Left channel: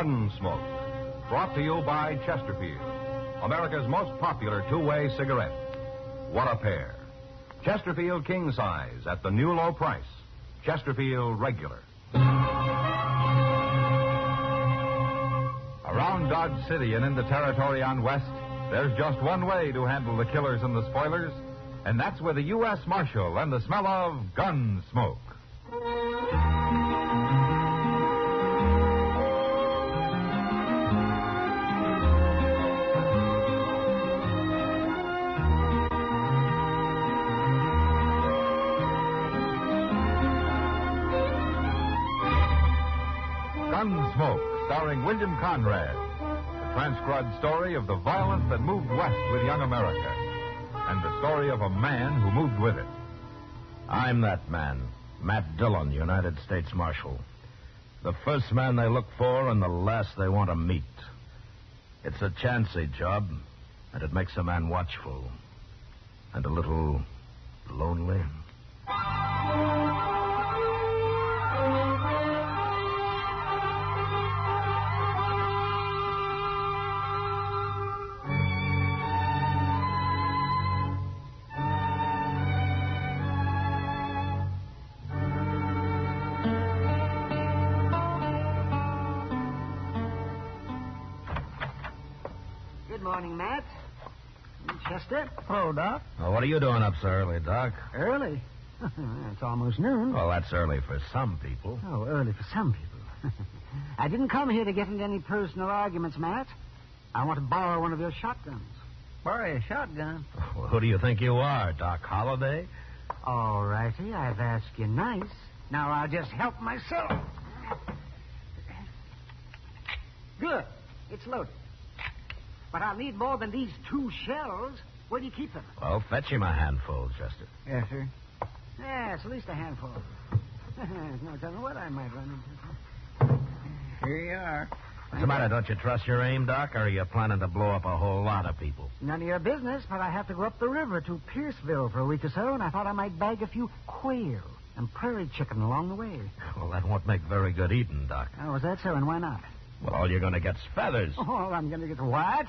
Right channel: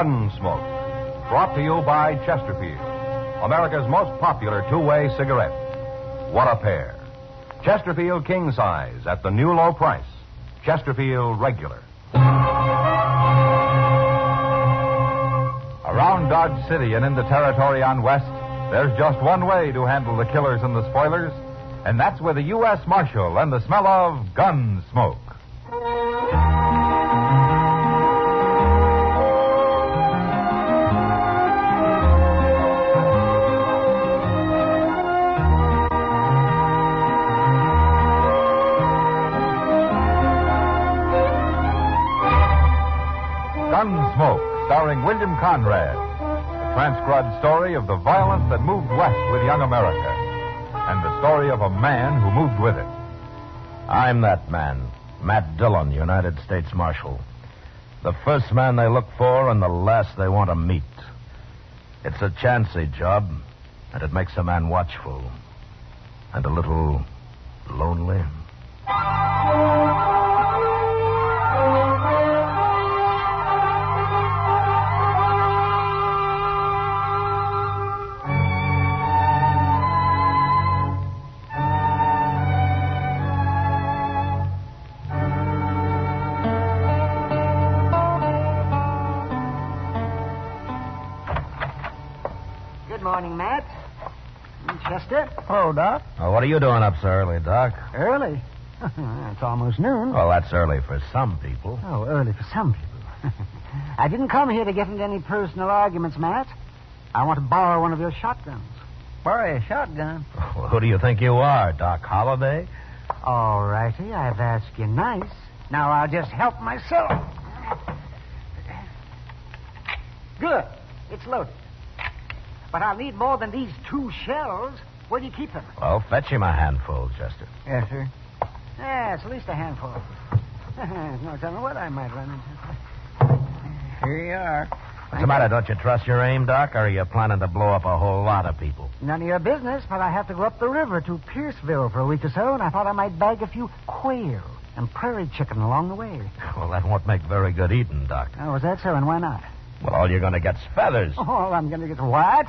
Gunsmoke. Brought to you by Chesterfield, America's most popular two-way cigarette. What a pair. Chesterfield King Size at the new low price. Chesterfield Regular. Around Dodge City and in the territory on West, there's just one way to handle the killers and the spoilers, and that's with a U.S. Marshal and the smell of Gunsmoke. Gunsmoke, starring William Conrad. The transcribed story of the violence that moved west with young America. And the story of a man who moved with it. I'm that man, Matt Dillon, United States Marshal. The first man they look for and the last they want to meet. It's a chancy job, and it makes a man watchful. And a little lonely. Good morning, Matt. Chester. Hello, Doc. Oh, what are you doing up so early, Doc? Early? It's almost noon. Well, that's early for some people. Oh, early for some people. I didn't come here to get into any personal arguments, Matt. I want to borrow one of your shotguns. Borrow a shotgun. Well, who do you think you are, Doc Holliday? All righty, I've asked you nice. Now I'll just help myself. Good. It's loaded. But I'll need more than these 2 shells. Where do you keep them? Well, fetch him a handful, Chester. Yes, sir. Yes, at least a handful. No telling what I might run into. Here you are. What's the matter? Don't you trust your aim, Doc, or are you planning to blow up a whole lot of people? None of your business, but I have to go up the river to Pierceville for a week or so, and I thought I might bag a few quail and prairie chicken along the way. Well, that won't make very good eating, Doc. Oh, is that so? And why not? Well, all you're going to get's feathers. Oh, I'm going to get what?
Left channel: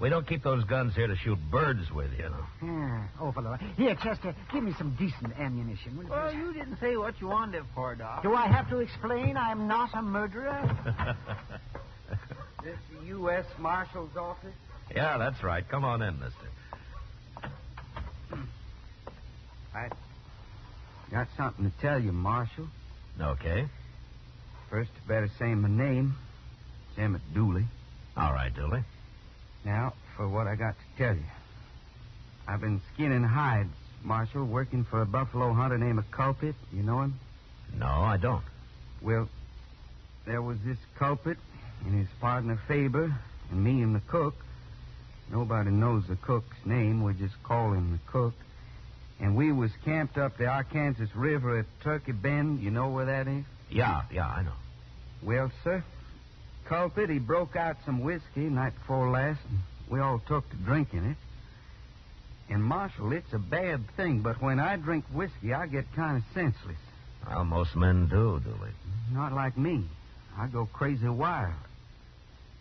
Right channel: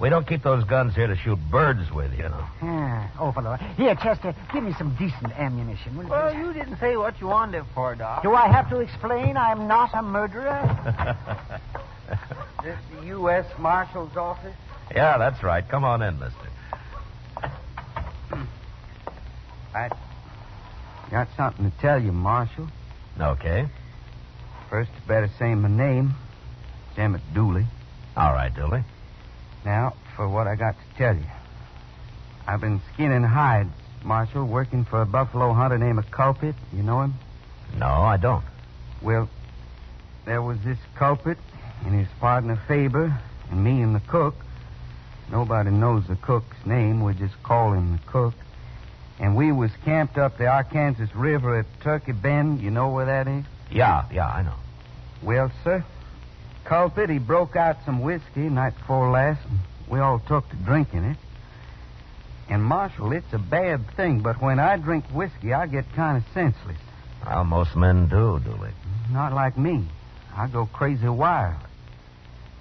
We don't keep those guns here to shoot birds with, you know. Yeah. Oh, fellow. Here, Chester, give me some decent ammunition, will you? Well, you didn't say what you wanted it for, Doc. Do I have to explain I'm not a murderer? This the U.S. Marshal's office? Yeah, that's right. Come on in, mister. I got something to tell you, Marshal. Okay. First, you better say my name. Emmett Dooley. All right, Dooley. Now, for what I got to tell you. I've been skinning hides, Marshal, working for a buffalo hunter named Culprit. You know him? No, I don't. Well, there was this Culprit and his partner Faber and me and the cook. Nobody knows the cook's name. We just call him the cook. And we was camped up the Arkansas River at Turkey Bend. You know where that is? Yeah, I know. Well, sir, Culprit, he broke out some whiskey night before last, and we all took to drinking it. And, Marshal, it's a bad thing, but when I drink whiskey, I get kind of senseless. Well, most men do, Dooley. Not like me. I go crazy wild.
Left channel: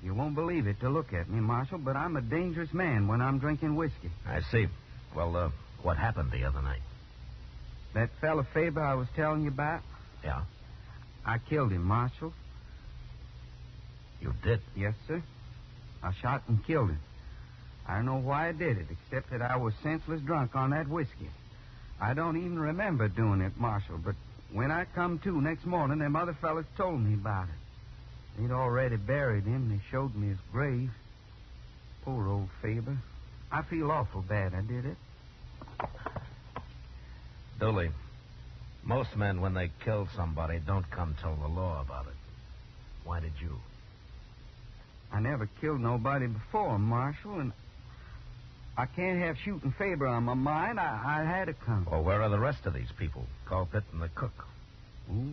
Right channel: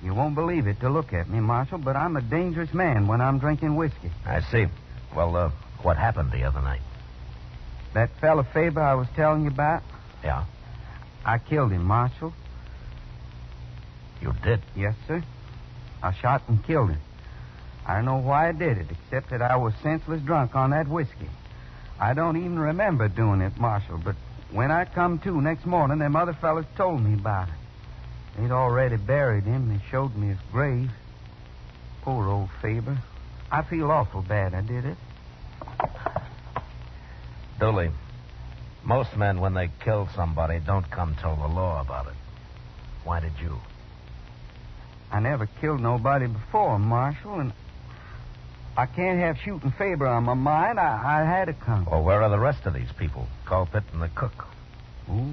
You won't believe it to look at me, Marshal, but I'm a dangerous man when I'm drinking whiskey. I see. Well, what happened the other night? That fella Faber I was telling you about? Yeah? I killed him, Marshal. You did? Yes, sir. I shot and killed him. I don't know why I did it, except that I was senseless drunk on that whiskey. I don't even remember doing it, Marshal, but when I come to next morning, them other fellas told me about it. They'd already buried him. They showed me his grave. Poor old Faber. I feel awful bad I did it. Dooley, most men, when they kill somebody, don't come tell the law about it. Why did you? I never killed nobody before, Marshal, and I can't have shooting Faber on my mind. I had to come. Well, where are the rest of these people? Culprit and the cook. Oh,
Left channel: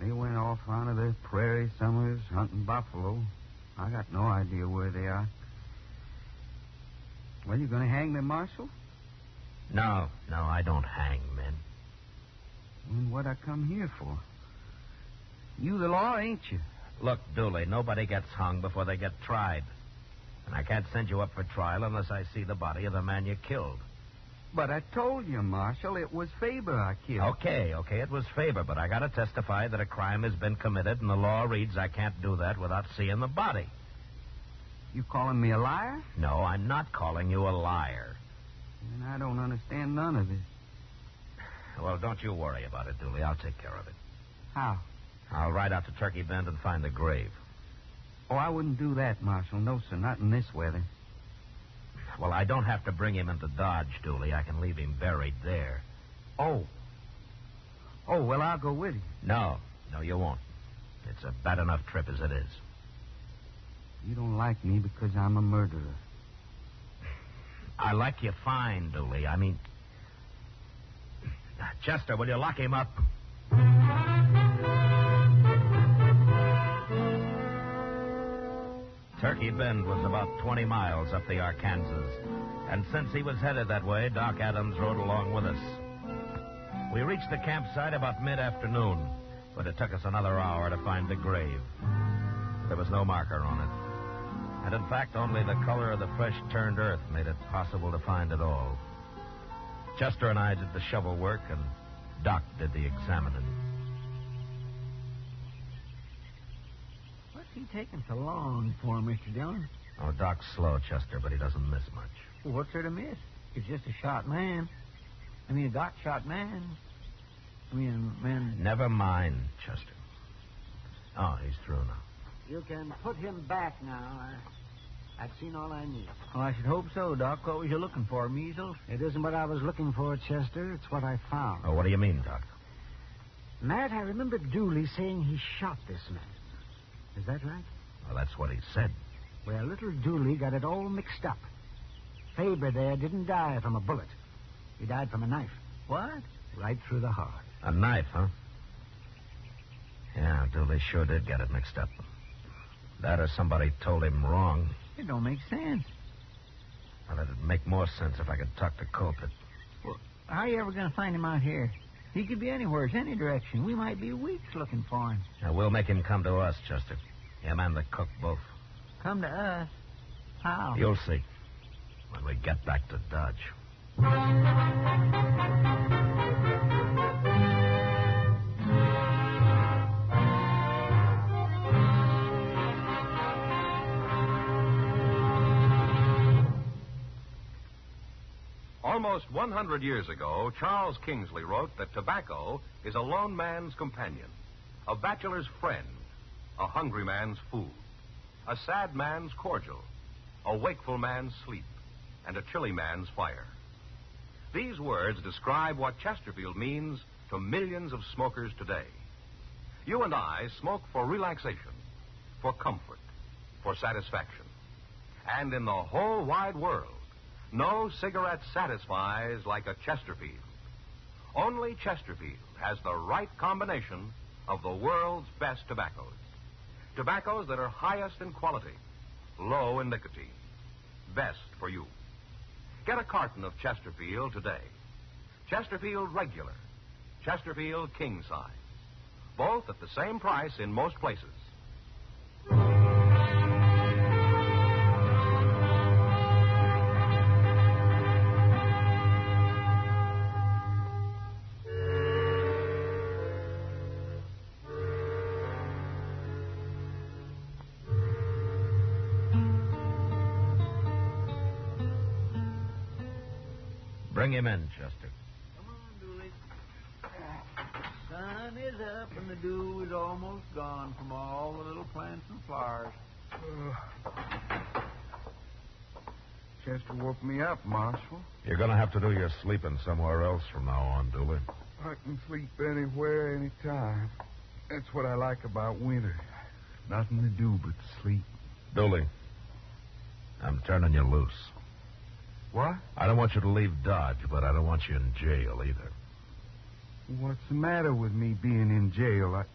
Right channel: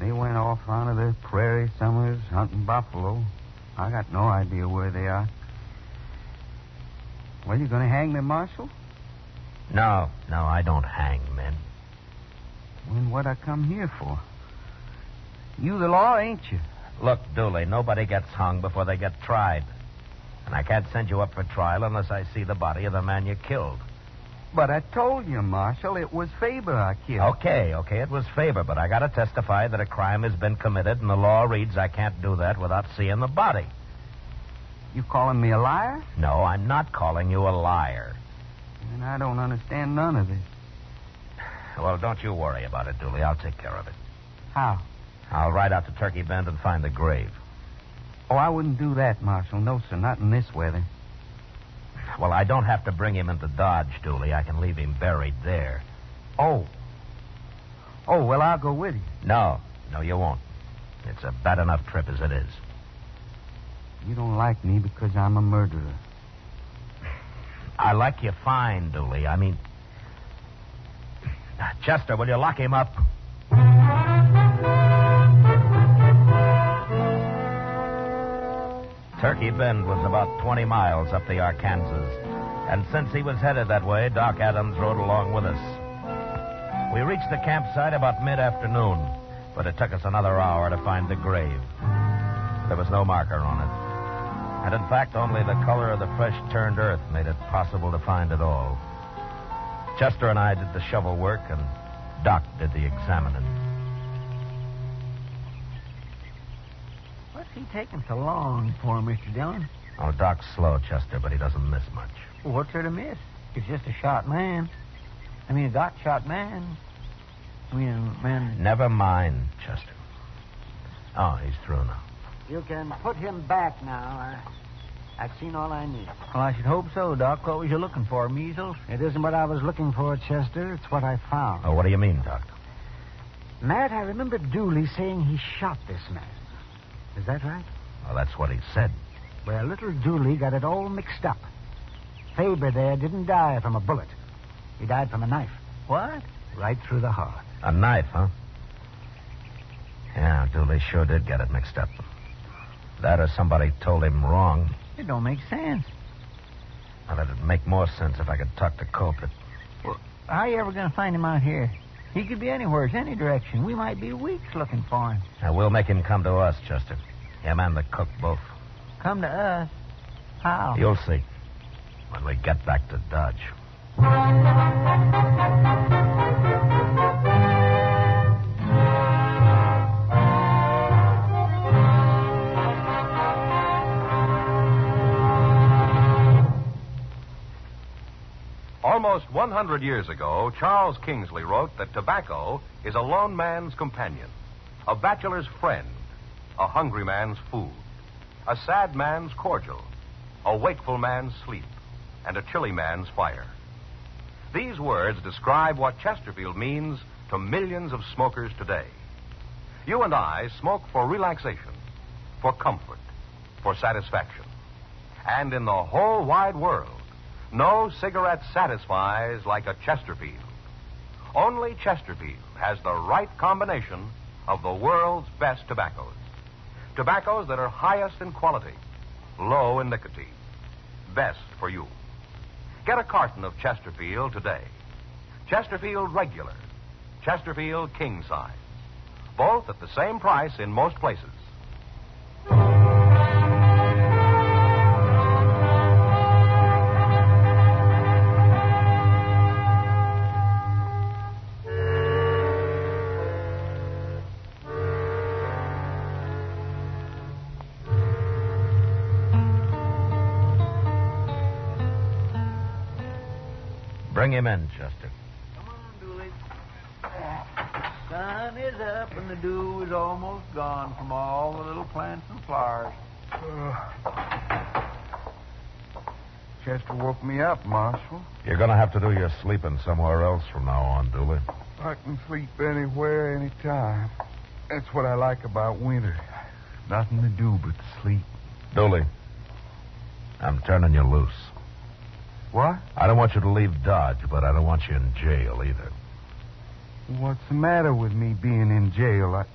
they went off onto the prairie somewhere hunting buffalo. I got no idea where they are. Well, you going to hang me, Marshal? No, I don't hang men. Then what I come here for? You the law, ain't you? Look, Dooley, nobody gets hung before they get tried. And I can't send you up for trial unless I see the body of the man you killed. But I told you, Marshal, it was Faber I killed. Okay, it was Faber, but I gotta testify that a crime has been committed, and the law reads I can't do that without seeing the body. You calling me a liar? No, I'm not calling you a liar. And I don't understand none of this. Well, don't you worry about it, Dooley. I'll take care of it. How? I'll ride out to Turkey Bend and find the grave. Oh, I wouldn't do that, Marshal. No, sir, not in this weather. Well, I don't have to bring him into Dodge, Dooley. I can leave him buried there. Oh. Oh, well, I'll go with you. No, you won't. It's a bad enough trip as it is. You don't like me because I'm a murderer. I like you fine, Dooley. I mean... Chester, will you lock him up? Turkey Bend was about 20 miles up the Arkansas, and since he was headed that way, Doc Adams rode along with us. We reached the campsite about mid-afternoon, but it took us another hour to find the grave. There was no marker on it. And in fact, only the color of the fresh-turned earth made it possible to find it all. Chester and I did the shovel work, and Doc did the examining. What's he taking so long for, Mr. Dillon? Oh, Doc's slow, Chester, but he doesn't miss much. Well, what's there to miss? He's just a shot man. I mean, a Doc shot man. I mean, a man... Never mind, Chester. Oh, he's through now. You can put him back now. I've seen all I need. Well, I should hope so, Doc. What was you looking for, measles? It isn't what I was looking for, Chester. It's what I found. Oh, what do you mean, Doc? Matt, I remember Dooley saying he shot this man. Is that right? Well, that's what he said. Well, little Dooley got it all mixed up. Faber there didn't die from a bullet. He died from a knife. What? Right through the heart. A knife, huh? Yeah, Dooley sure did get it mixed up. That or somebody told him wrong. It don't make sense. Well, it'd make more sense if I could talk the culprit. Well, how are you ever going to find him out here? He could be anywhere, any direction. We might be weeks looking for him. Now, we'll make him come to us, Chester. Him and the cook both. Come to us? How? You'll see. When we get back to Dodge. Almost 100 years ago, Charles Kingsley wrote that tobacco is a lone man's companion, a bachelor's friend, a hungry man's food, a sad man's cordial, a wakeful man's sleep, and a chilly man's fire. These words describe what Chesterfield means to millions of smokers today. You and I smoke for relaxation, for comfort, for satisfaction. And in the whole wide world, no cigarette satisfies like a Chesterfield. Only Chesterfield has the right combination of the world's best tobaccos. Tobaccos that are highest in quality, low in nicotine. Best for you. Get a carton of Chesterfield today. Chesterfield Regular, Chesterfield King Size. Both at the same price in most places. Bring him in, Chester. Come on, Dooley. Sun is up and the dew is almost gone from all the little plants and flowers. Chester woke me up, Marshal. You're going to have to do your sleeping somewhere else from now on, Dooley. I can sleep anywhere, anytime. That's what I like about winter. Nothing to do but sleep. Dooley, I'm turning you loose. What? I don't want you to leave Dodge, but I don't want you in jail either. What's the matter with me being in jail?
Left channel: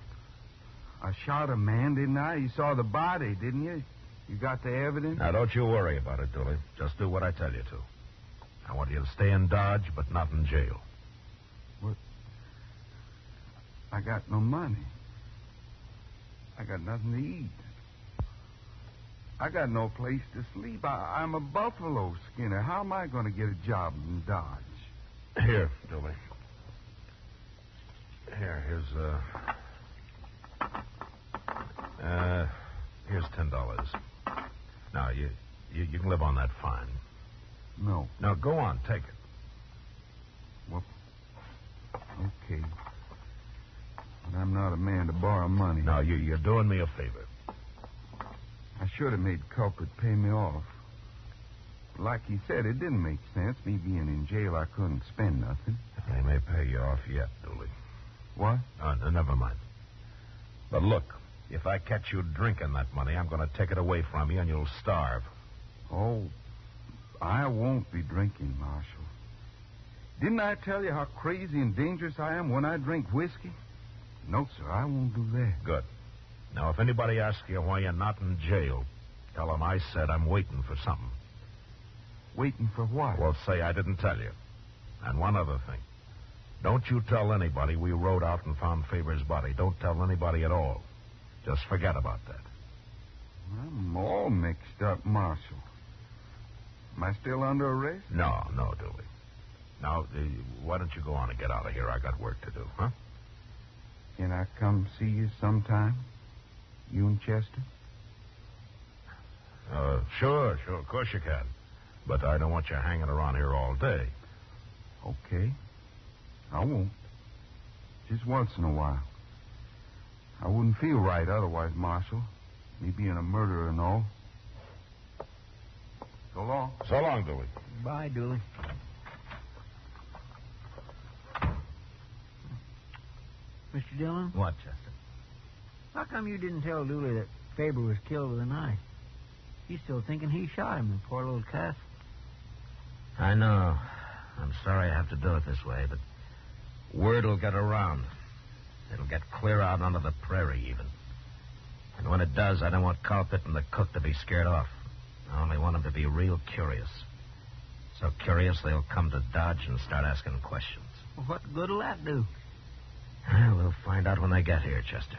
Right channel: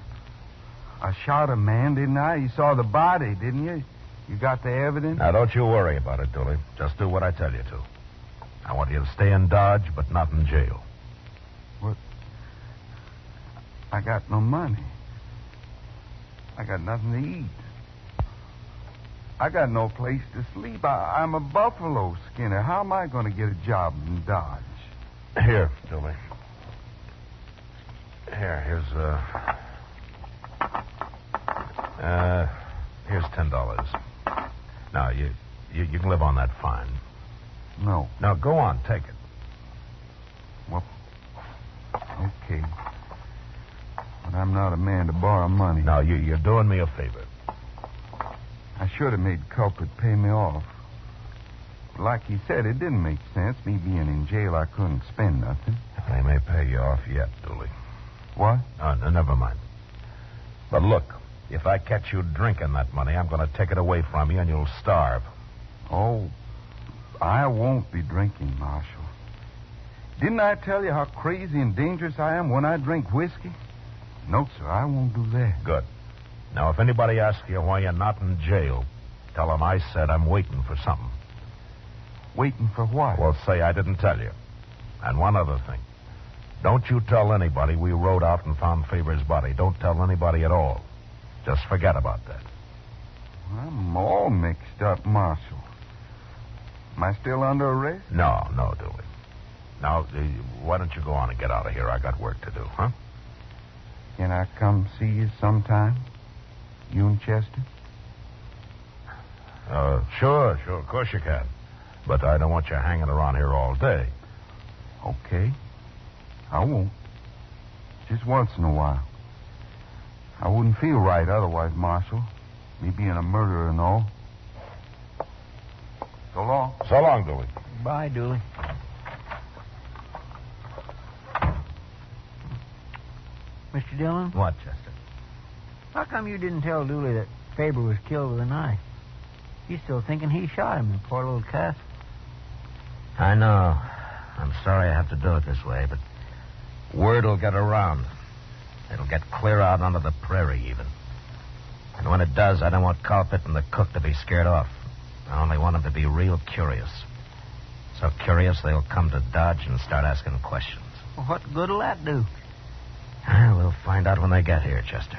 I shot a man, didn't I? You saw the body, didn't you? You got the evidence? Now, don't you worry about it, Dooley. Just do what I tell you to. I want you to stay in Dodge, but not in jail. What? I got no money. I got nothing to eat. I got no place to sleep. I'm a buffalo skinner. How am I going to get a job in Dodge? Here, Dooley. Here's $10. Now, you can live on that fine. No. Now, go on, take it. Well, okay. But I'm not a man to borrow money. Now, you're doing me a favor. I should have made Culprit pay me off. Like you said, it didn't make sense. Me being in jail, I couldn't spend nothing. They may pay you off yet, Dooley. What? No, never mind. But look, if I catch you drinking that money, I'm going to take it away from you and you'll starve. Oh, I won't be drinking, Marshal. Didn't I tell you how crazy and dangerous I am when I drink whiskey? No, sir, I won't do that. Good. Now, if anybody asks you why you're not in jail, tell them I said I'm waiting for something. Waiting for what? Well, say I didn't tell you. And one other thing. Don't you tell anybody we rode out and found Faber's body. Don't tell anybody at all. Just forget about that. I'm all mixed up, Marshal. Am I still under arrest? No, Dooley. Now, why don't you go on and get out of here? I got work to do, huh? Can I come see you sometime? You and Chester? Sure. Of course you can. But I don't want you hanging around here all day. Okay. I won't. Just once in a while. I wouldn't feel right otherwise, Marshal. Me being a murderer and all. So long. So long, Dooley. Bye, Dooley. Mr. Dillon? What, Chester? How come you didn't tell Dooley that Faber was killed with a knife? He's still thinking he shot him, the poor little cuss. I know. I'm sorry I have to do it this way, but word will get around. It'll get clear out onto the prairie, even. And when it does, I don't want Culprit and the cook to be scared off. I only want them to be real curious. So curious, they'll come to Dodge and start asking questions. Well, what good'll that do? We'll find out when they get here, Chester.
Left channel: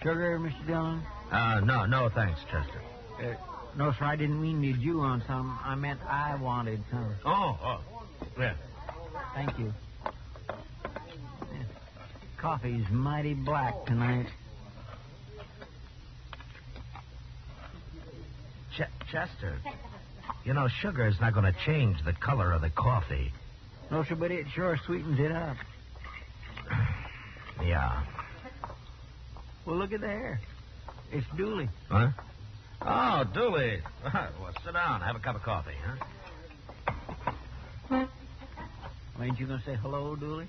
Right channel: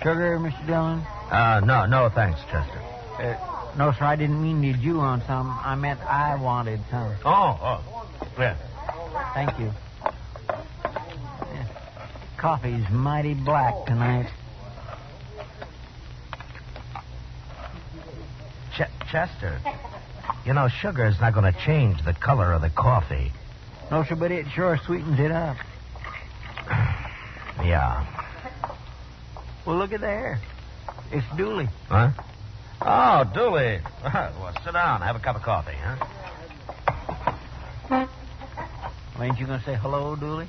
Sugar, Mr. Dillon? No, thanks, Chester. No, sir, I didn't mean to you on some. I meant I wanted some. Oh. Yeah. Thank you. Yeah. Coffee's mighty black tonight. Chester, you know, sugar's not going to change the color of the coffee. No, sir, but it sure sweetens it up. Yeah. Well, look at there. It's Dooley. Huh? Oh, Dooley. Well, sit down. Have a cup of coffee, huh? Well, ain't you going to say hello, Dooley?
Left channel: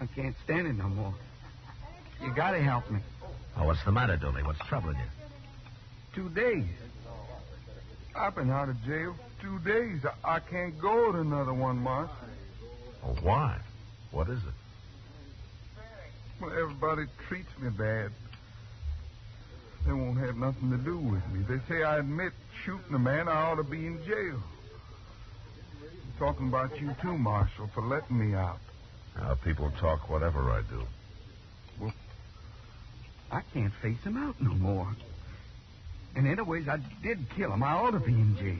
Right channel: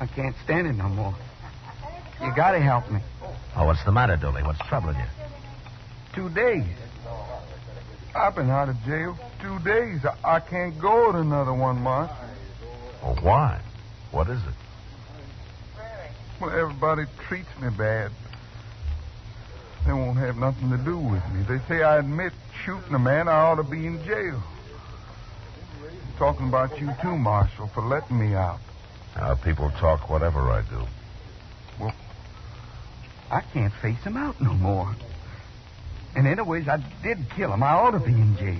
I can't stand it no more. You gotta help me. Oh, what's the matter, Dooley? What's troubling you? 2 days. I've been out of jail 2 days. I can't go to another one, Marshal. Oh, why? What is it? Well, everybody treats me bad. They won't have nothing to do with me. They say I admit shooting a man, I ought to be in jail. I'm talking about you too, Marshal, for letting me out. People talk whatever I do. Well, I can't face him out no more. And anyways, I did kill him. I ought to be in jail.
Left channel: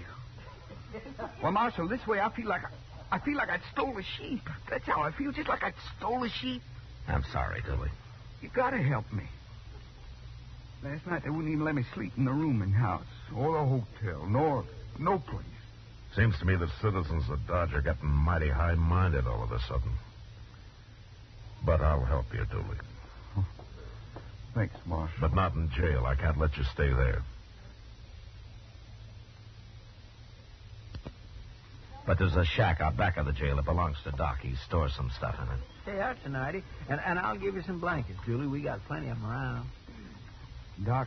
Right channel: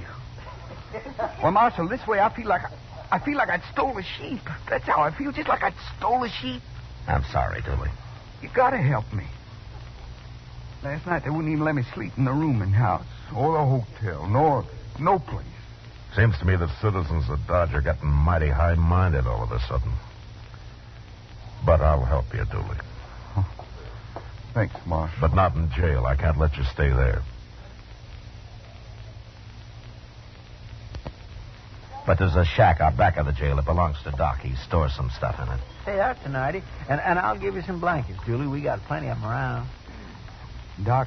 Well, Marshal, this way I feel like I'd stole a sheep. That's how I feel, just like I'd stole a sheep. I'm sorry, Dooley. You gotta help me. Last night they wouldn't even let me sleep in the room in house. Or the hotel. No place. Seems to me that citizens of Dodge are getting mighty high-minded all of a sudden. But I'll help you, Dooley. Oh. Thanks, Marshal. But not in jail. I can't let you stay there. But there's a shack out back of the jail. It belongs to Doc. He stores some stuff in it. Say, that's a nighty. And I'll give you some blankets, Dooley. We got plenty of them around. Doc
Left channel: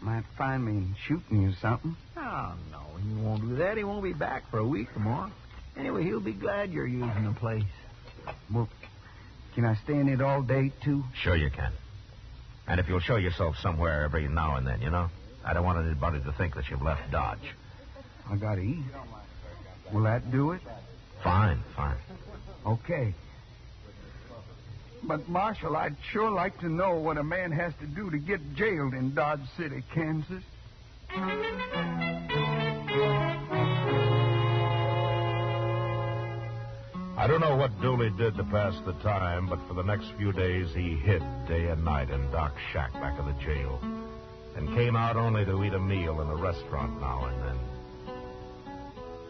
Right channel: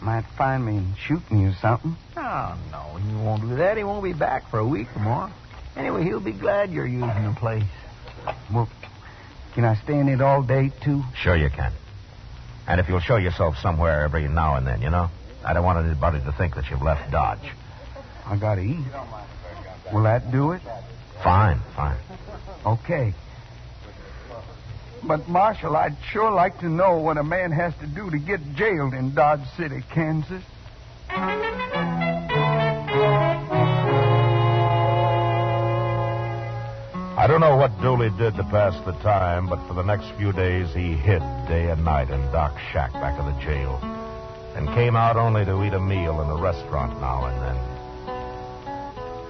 might find me shooting you or something. Oh, no, he won't do that. He won't be back for a week or more. Anyway, he'll be glad you're using the place. Well, can I stay in it all day, too? Sure you can. And if you'll show yourself somewhere every now and then, you know? I don't want anybody to think that you've left Dodge. I gotta eat. Will that do it? Fine. Okay. But, Marshal, I'd sure like to know what a man has to do to get jailed in Dodge City, Kansas. I don't know what Dooley did to pass the time, but for the next few days he hid day and night in Doc's shack back of the jail and came out only to eat a meal in a restaurant now and then.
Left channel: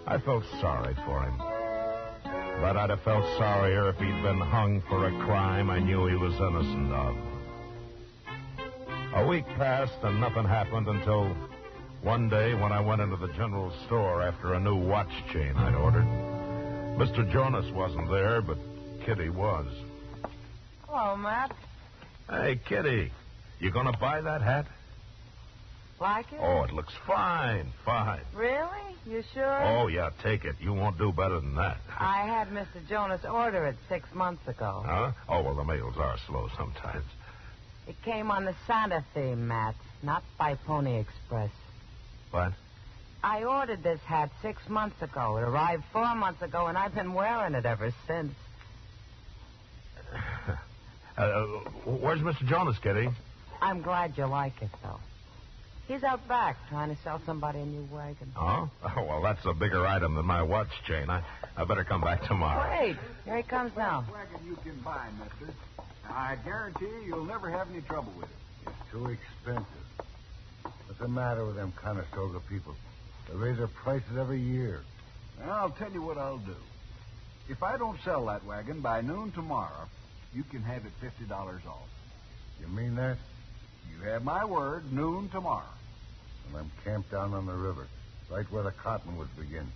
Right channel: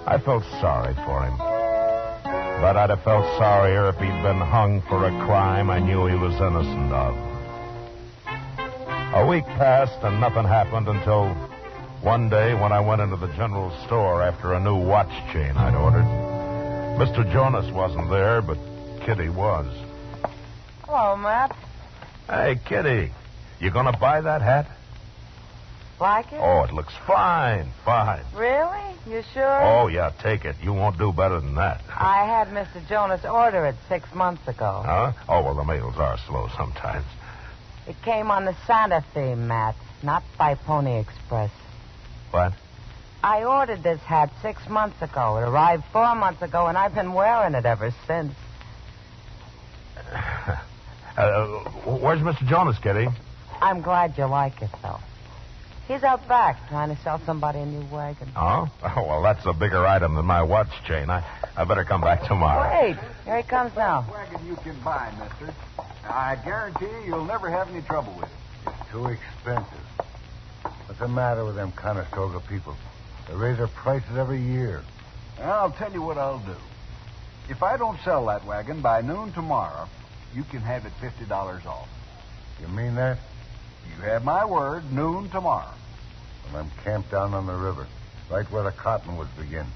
I felt sorry for him, but I'd have felt sorrier if he'd been hung for a crime I knew he was innocent of. A week passed and nothing happened until one day when I went into the general store after a new watch chain I'd ordered. Mr. Jonas wasn't there, but Kitty was. Hello, Matt. Hey, Kitty, you gonna buy that hat? Like it? Oh, it looks fine. Really? You sure? Oh, yeah, take it. You won't do better than that. I had Mr. Jonas order it 6 months ago. Huh? Oh, well, the mails are slow sometimes. It came on the Santa theme, Matt, not by Pony Express. What? I ordered this hat 6 months ago. It arrived 4 months ago, and I've been wearing it ever since. Where's Mr. Jonas, Kitty? I'm glad you like it, though. He's out back trying to sell somebody a new wagon. Oh? Oh, well, that's a bigger item than my watch chain. I better come back tomorrow. Wait, here he comes now. Wagon you can buy, mister. I guarantee you'll never have any trouble with it. It's too expensive. What's the matter with them Conestoga people? They raise their prices every year. I'll tell you what I'll do. If I don't sell that wagon by noon tomorrow, you can have it $50 off. You mean that? You have my word, noon tomorrow. Well, I'm camped down on the river, right where the cottonwoods begin.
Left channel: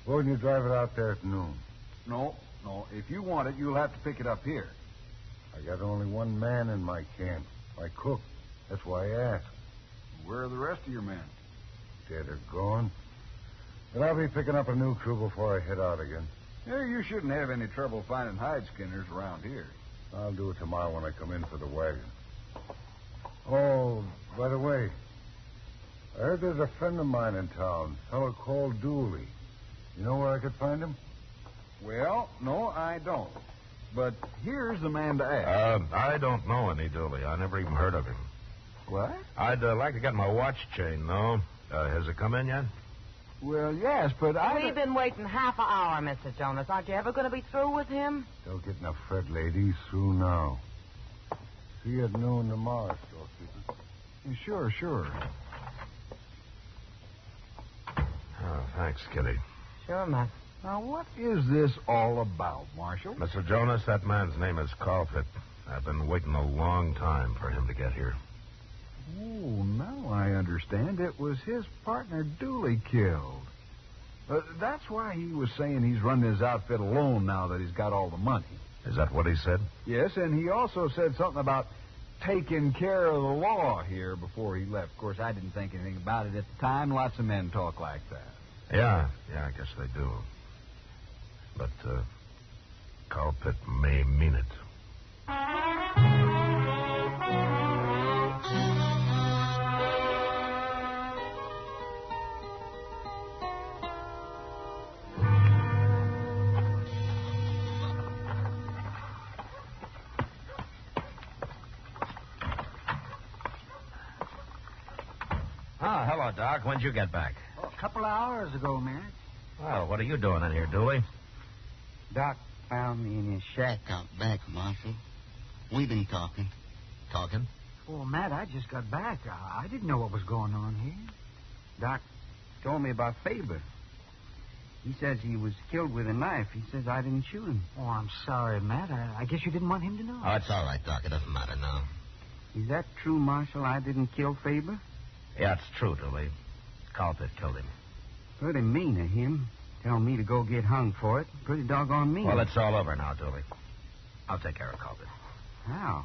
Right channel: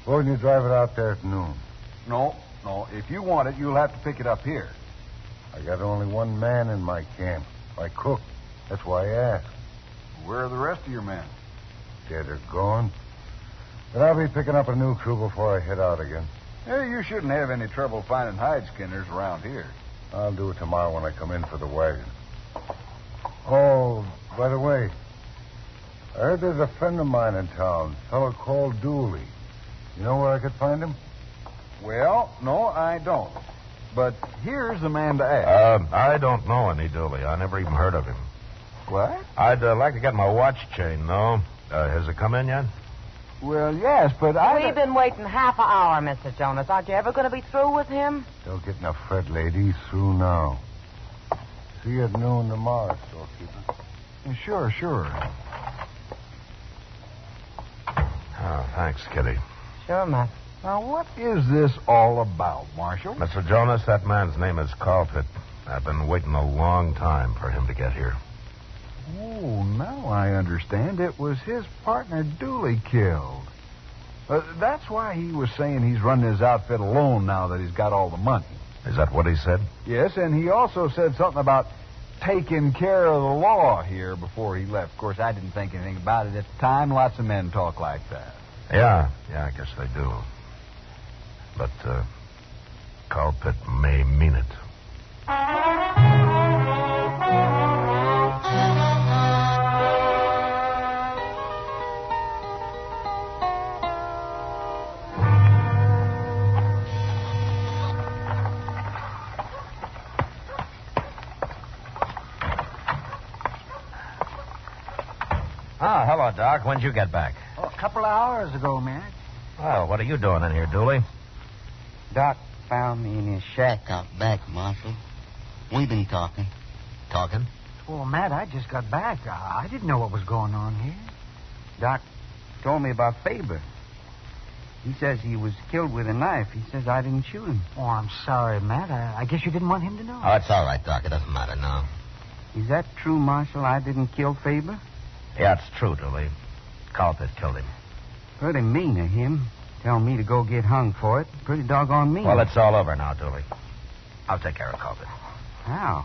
Suppose you drive it out there at noon. No. If you want it, you'll have to pick it up here. I got only one man in my camp, my cook. That's why I asked. Where are the rest of your men? Dead or gone. But I'll be picking up a new crew before I head out again. Hey, you shouldn't have any trouble finding hide skinners around here. I'll do it tomorrow when I come in for the wagon. Oh, by the way, I heard there's a friend of mine in town, a fellow called Dooley. You know where I could find him? Well, no, I don't. But here's the man to ask. I don't know any Dooley. I never even heard of him. What? I'd like to get my watch chain, though. Has it come in yet? Well, yes, but We've been waiting half an hour, Mr. Jonas. Aren't you ever going to be through with him? Don't get in a fret, lady. He's through now. See you at noon tomorrow, storekeeper. Sure. Oh, thanks, Kitty. Sure, Matt. Now, what is this all about, Marshal? Mr. Jonas, that man's name is Colpitt. I've been waiting a long time for him to get here. Oh, now I understand. It was his partner Dooley killed. That's why he was saying he's running his outfit alone now that he's got all the money. Is that what he said? Yes, and he also said something about taking care of the law here before he left. Of course, I didn't think anything about it at the time. Lots of men talk like that. Yeah, I guess they do. But, Colpitt may mean it. Oh, hello, Doc. When'd you get back? Oh, a couple of hours ago, Matt. Well, what are you doing in here, Dooley? Doc found me in his shack out back, Marshal. We've been talking. Talking? Well, Matt, I just got back. I didn't know what was going on here. Doc told me about Faber. He says he was killed with a knife. He says I didn't shoot him. Oh, I'm sorry, Matt. I guess you didn't want him to know. Oh, it's all right, Doc. It doesn't matter now. Is that true, Marshal? I didn't kill Faber? Yeah, it's true, Dooley. Colpitt killed him. Pretty mean of him. Tell me to go get hung for it. Pretty doggone mean. Well, it's all over now, Dooley. I'll take care of Colpitt. How?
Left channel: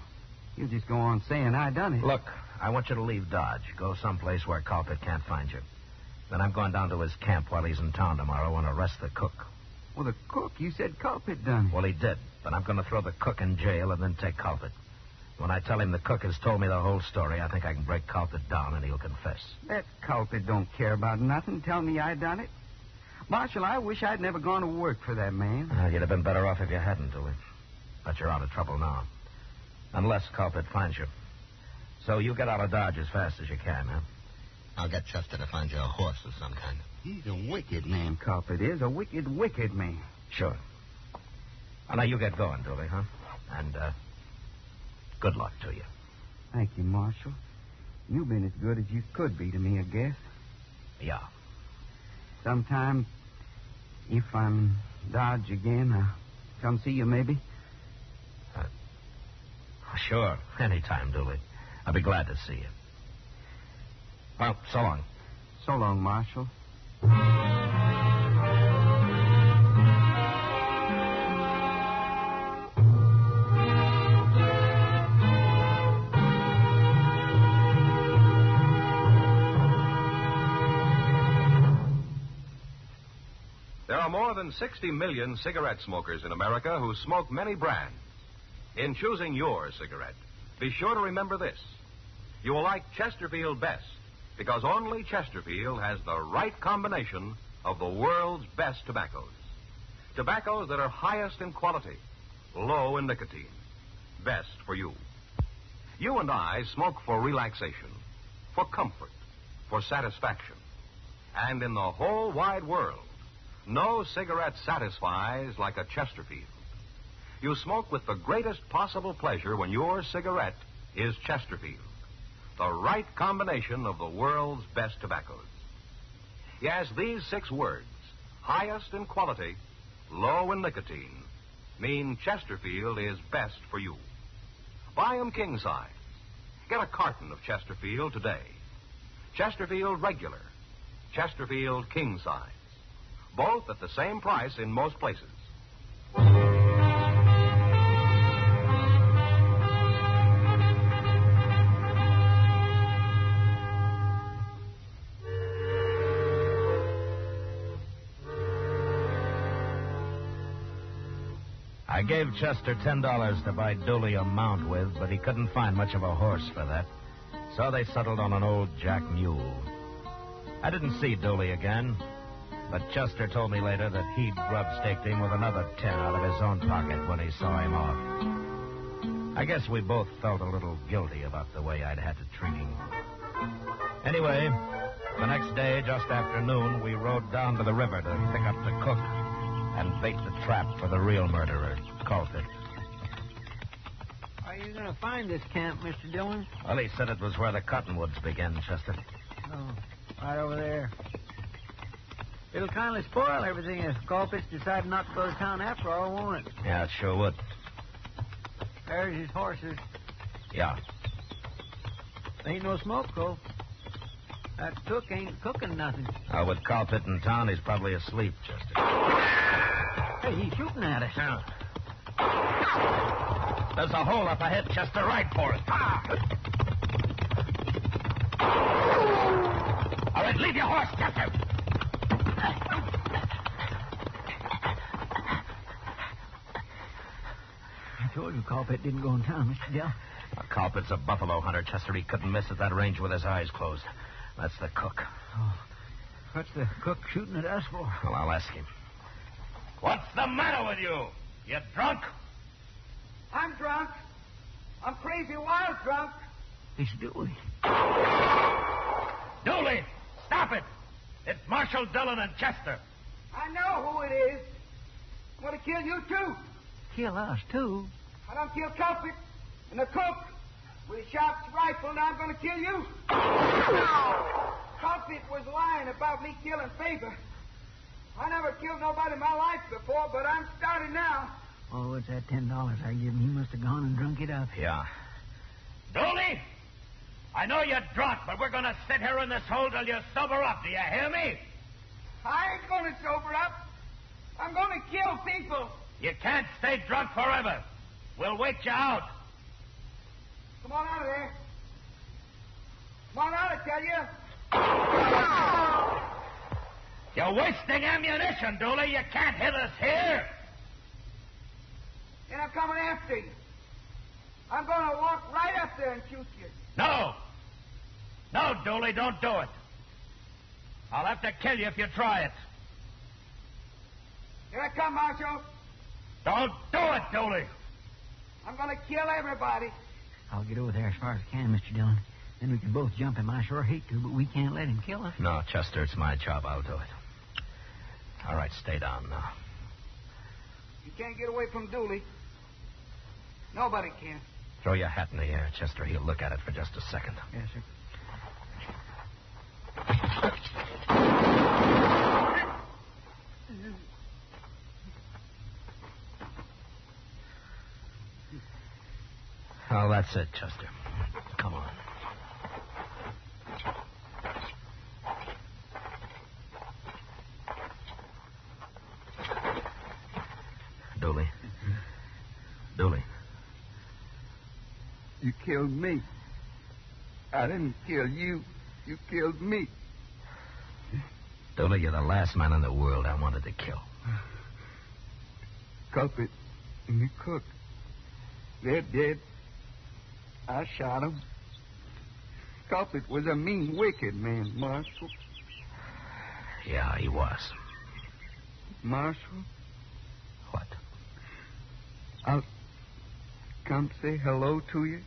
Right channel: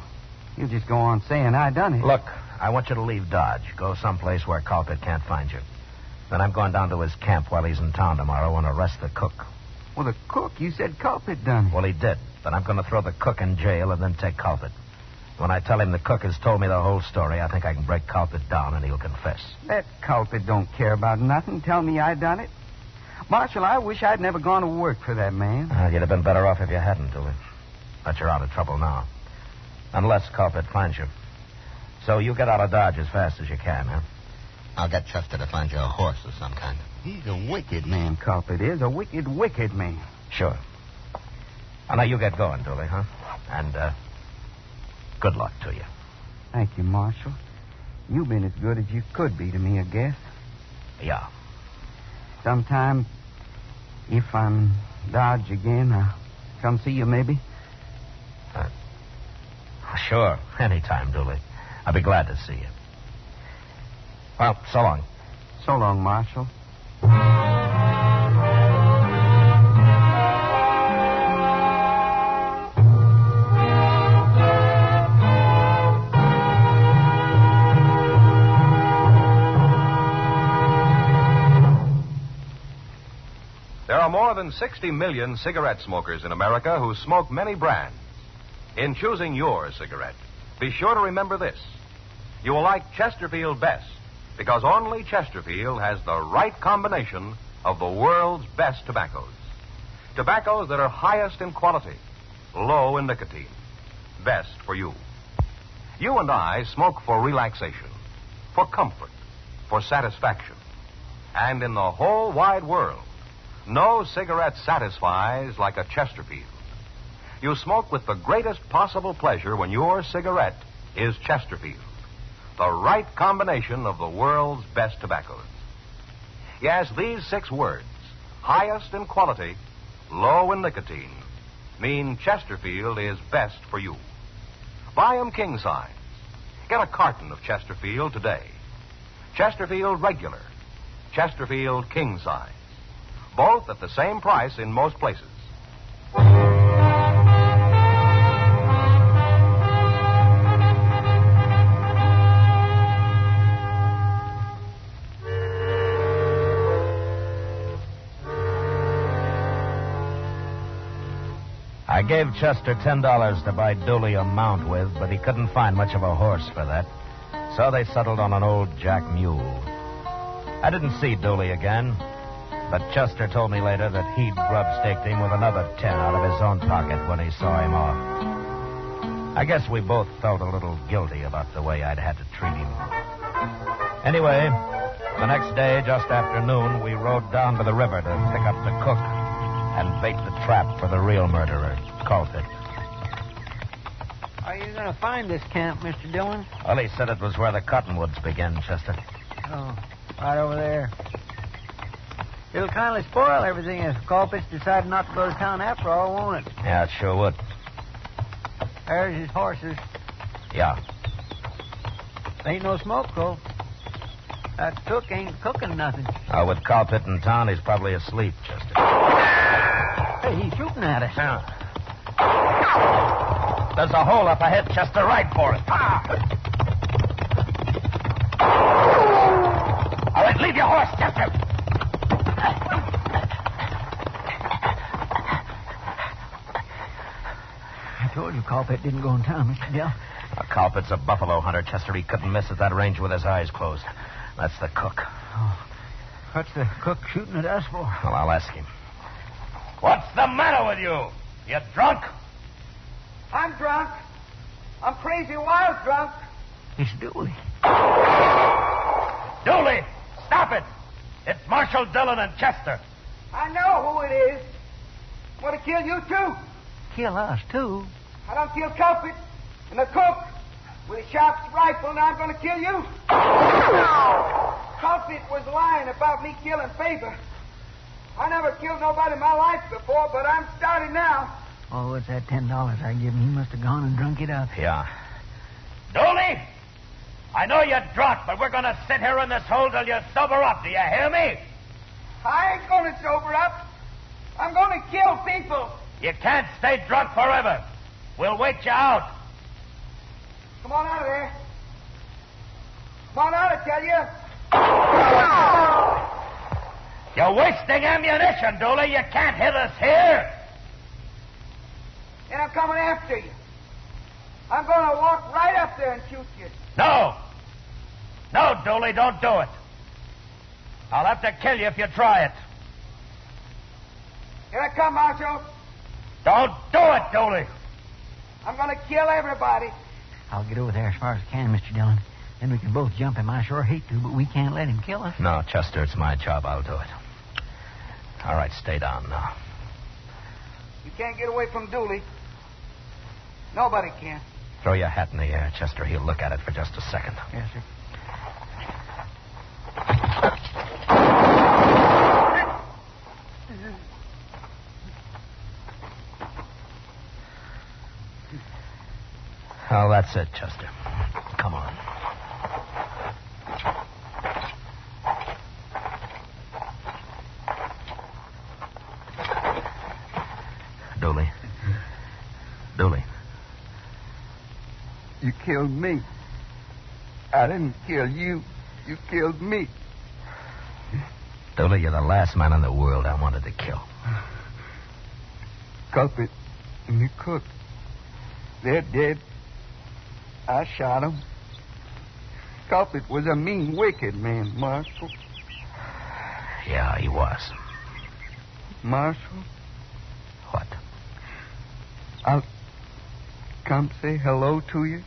You just go on saying I done it. Look, I want you to leave Dodge. Go someplace where Colpitt can't find you. Then I'm going down to his camp while he's in town tomorrow and arrest the cook. Well, the cook, you said Culpet done it. Well, he did, but I'm going to throw the cook in jail and then take Culpet. When I tell him the cook has told me the whole story, I think I can break Culpet down and he'll confess. That Culpet don't care about nothing. Tell me I done it. Marshal, I wish I'd never gone to work for that man. You'd have been better off if you hadn't, Dooley. But you're out of trouble now. Unless Culpet finds you. So you get out of Dodge as fast as you can, huh? I'll get Chester to find you a horse of some kind. He's a wicked man, Culpet is. A wicked, wicked man. Sure. Well, now you get going, Dooley, huh? And, good luck to you. Thank you, Marshal. You've been as good as you could be to me, I guess. Yeah. Sometime, if I'm Dodge again, I'll come see you, maybe. Sure. Anytime, Dooley. I'll be glad to see you. Well, so long. So long, Marshal. There are more than 60 million cigarette smokers in America who smoke many brands. In choosing your cigarette, be sure to remember this. You will like Chesterfield best because only Chesterfield has the right combination of the world's best tobaccos. Tobaccos that are highest in quality, low in nicotine. Best for you. You and I smoke for relaxation, for comfort, for satisfaction. And in the whole wide world, no cigarette satisfies like a Chesterfield. You smoke with the greatest possible pleasure when your cigarette is Chesterfield, the right combination of the world's best tobaccos. Yes, these 6 words, highest in quality, low in nicotine, mean Chesterfield is best for you. Buy 'em king size. Get a carton of Chesterfield today. Chesterfield regular, Chesterfield king size. Both at the same price in most places. I gave Chester $10 to buy Dooley a mount with, but he couldn't find much of a horse for that. So they settled on an old jack mule. I didn't see Dooley again, but Chester told me later that he'd grub-staked him with another 10 out of his own pocket when he saw him off. I guess we both felt a little guilty about the way I'd had to treat him. Anyway, the next day, just after noon, we rode down to the river to pick up the cook and bait the trap for the real murderer, Culpet. Are you going to find this camp, Mr. Dillon? Well, he said it was where the cottonwoods begin, Chester. Oh, right over there. It'll kind of spoil everything if Culpet's decided not to go to town after all, won't it? Yeah, it sure would. There's his horses. Yeah. Ain't no smoke, Cole. That cook ain't cooking nothing. With Culpet in town, he's probably asleep, Chester. Hey, he's shooting at us. Yeah. There's a hole up ahead, Chester. Right for it. All right, leave your horse, Chester. I told you Culpet didn't go in town, Mr. Dill. Culpet's a buffalo hunter, Chester. He couldn't miss at that range with his eyes closed. That's the cook. Oh, what's the cook shooting at us for? Well, I'll ask him. What's the matter with you? You drunk? I'm drunk. I'm crazy wild drunk. It's Dooley. Dooley, stop it. It's Marshal Dillon and Chester. I know who it is. Want to kill you, too. Kill us, too? I don't kill Culpet and the cook with a sharp rifle, and I'm going to kill you. Culpet was lying about me killing Faber. I never killed nobody in my life before, but I'm starting now. Oh, it's that $10 I give him. He must have gone and drunk it up. Yeah. Dooley, I know you're drunk, but we're going to sit here in this hole till you sober up. Do you hear me? I ain't going to sober up. I'm going to kill people. You can't stay drunk forever. We'll wait you out. Come on out of there. Come on out, I tell you. You're wasting ammunition, Dooley. You can't hit us here. Then I'm coming after you. I'm going to walk right up there and shoot you. No. No, Dooley, don't do it. I'll have to kill you if you try it. Here I come, Marshal. Don't do it, Dooley. I'm going to kill everybody. I'll get over there as far as I can, Mr. Dillon. Then we can both jump him. I sure hate to, but we can't let him kill us. No, Chester, it's my job. I'll do it. All right, stay down now. You can't get away from Dooley. Nobody can. Throw your hat in the air, Chester. He'll look at it for just a second. Yes, sir. Oh, that's it, Chester. Come on. Dooley. Dooley. You killed me. I didn't kill you. You killed me. Dooley, you're the last man in the world I wanted to kill. Culprit and the cook. They're dead. I shot him. Culprit was a mean, wicked man, Marshal. Yeah, he was. Marshal? What? I'll come say hello to you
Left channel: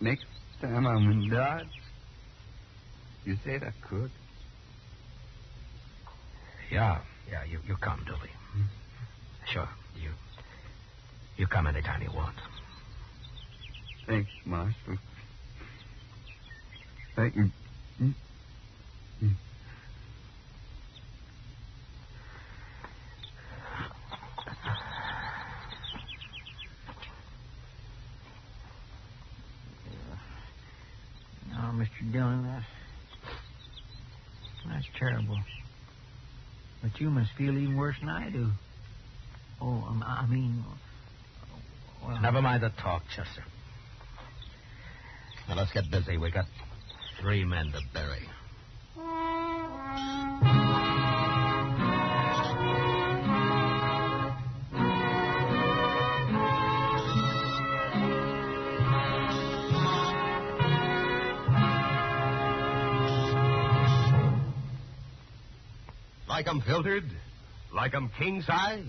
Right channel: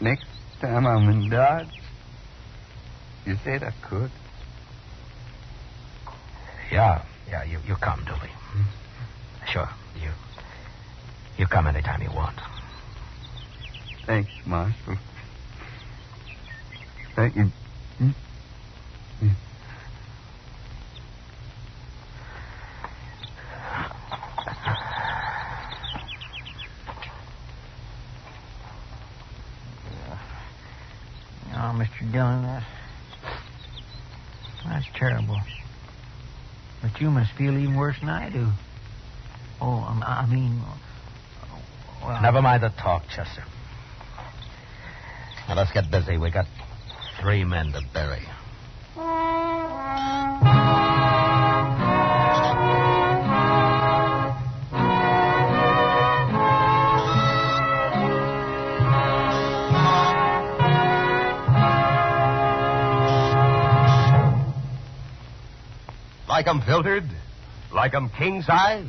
next time I'm in Dodge. You said I could. Yeah, you come, Dooley. Sure, you come anytime you want. Thanks, Marshal. Thank you. Oh, Mr. Dillon, that's terrible. But you must feel even worse than I do. Oh, I mean... Well... Never mind the talk, Chester. Now, let's get busy. We got 3 men to bury. Like 'em filtered? Like 'em king size?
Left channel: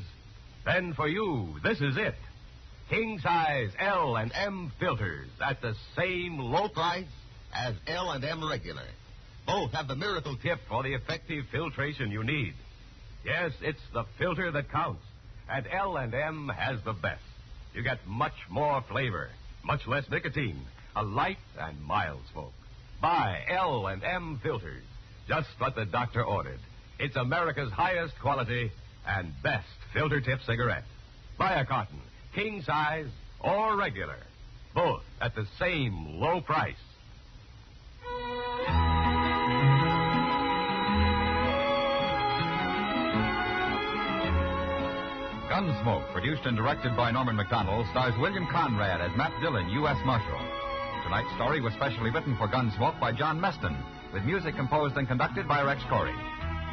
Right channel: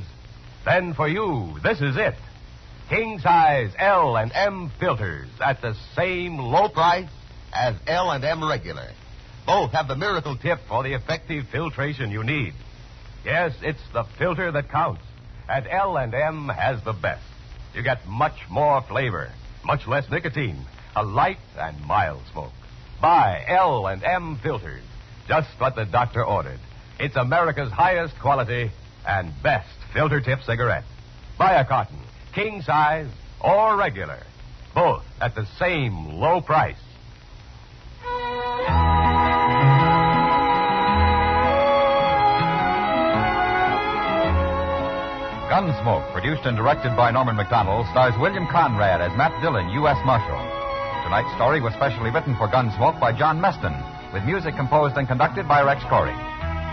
Then for you, this is it. King size L and M filters at the same low price As L&M regular. Both have the miracle tip for the effective filtration you need. Yes, it's the filter that counts. And L&M has the best. You get much more flavor, much less nicotine, a light and mild smoke. Buy L&M filters. Just what the doctor ordered. It's America's highest quality and best filter tip cigarette. Buy a carton, king size or regular. Both at the same low price. Gunsmoke, produced and directed by Norman Macdonnell, stars William Conrad as Matt Dillon, U.S. Marshal. Tonight's story was specially written for Gunsmoke by John Meston, with music composed and conducted by Rex Corey.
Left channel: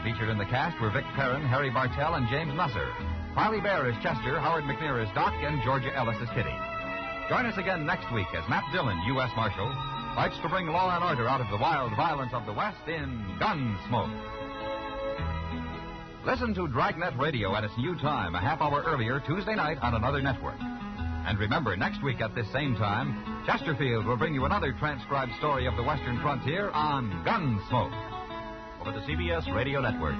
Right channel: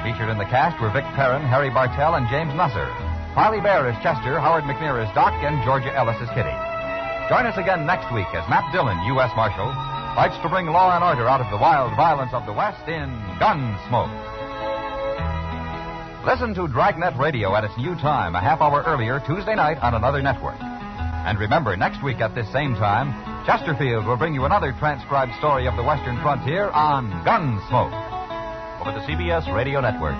Featured in the cast were Vic Perrin, Harry Bartell, and James Nusser. Parley Baer is Chester, Howard McNear is Doc, and Georgia Ellis is Kitty. Join us again next week as Matt Dillon, U.S. Marshal, fights to bring law and order out of the wild violence of the West in Gunsmoke. Listen to Dragnet Radio at its new time, a half hour earlier, Tuesday night on another network. And remember, next week at this same time, Chesterfield will bring you another transcribed story of the Western frontier on Gunsmoke. Over the CBS Radio Network.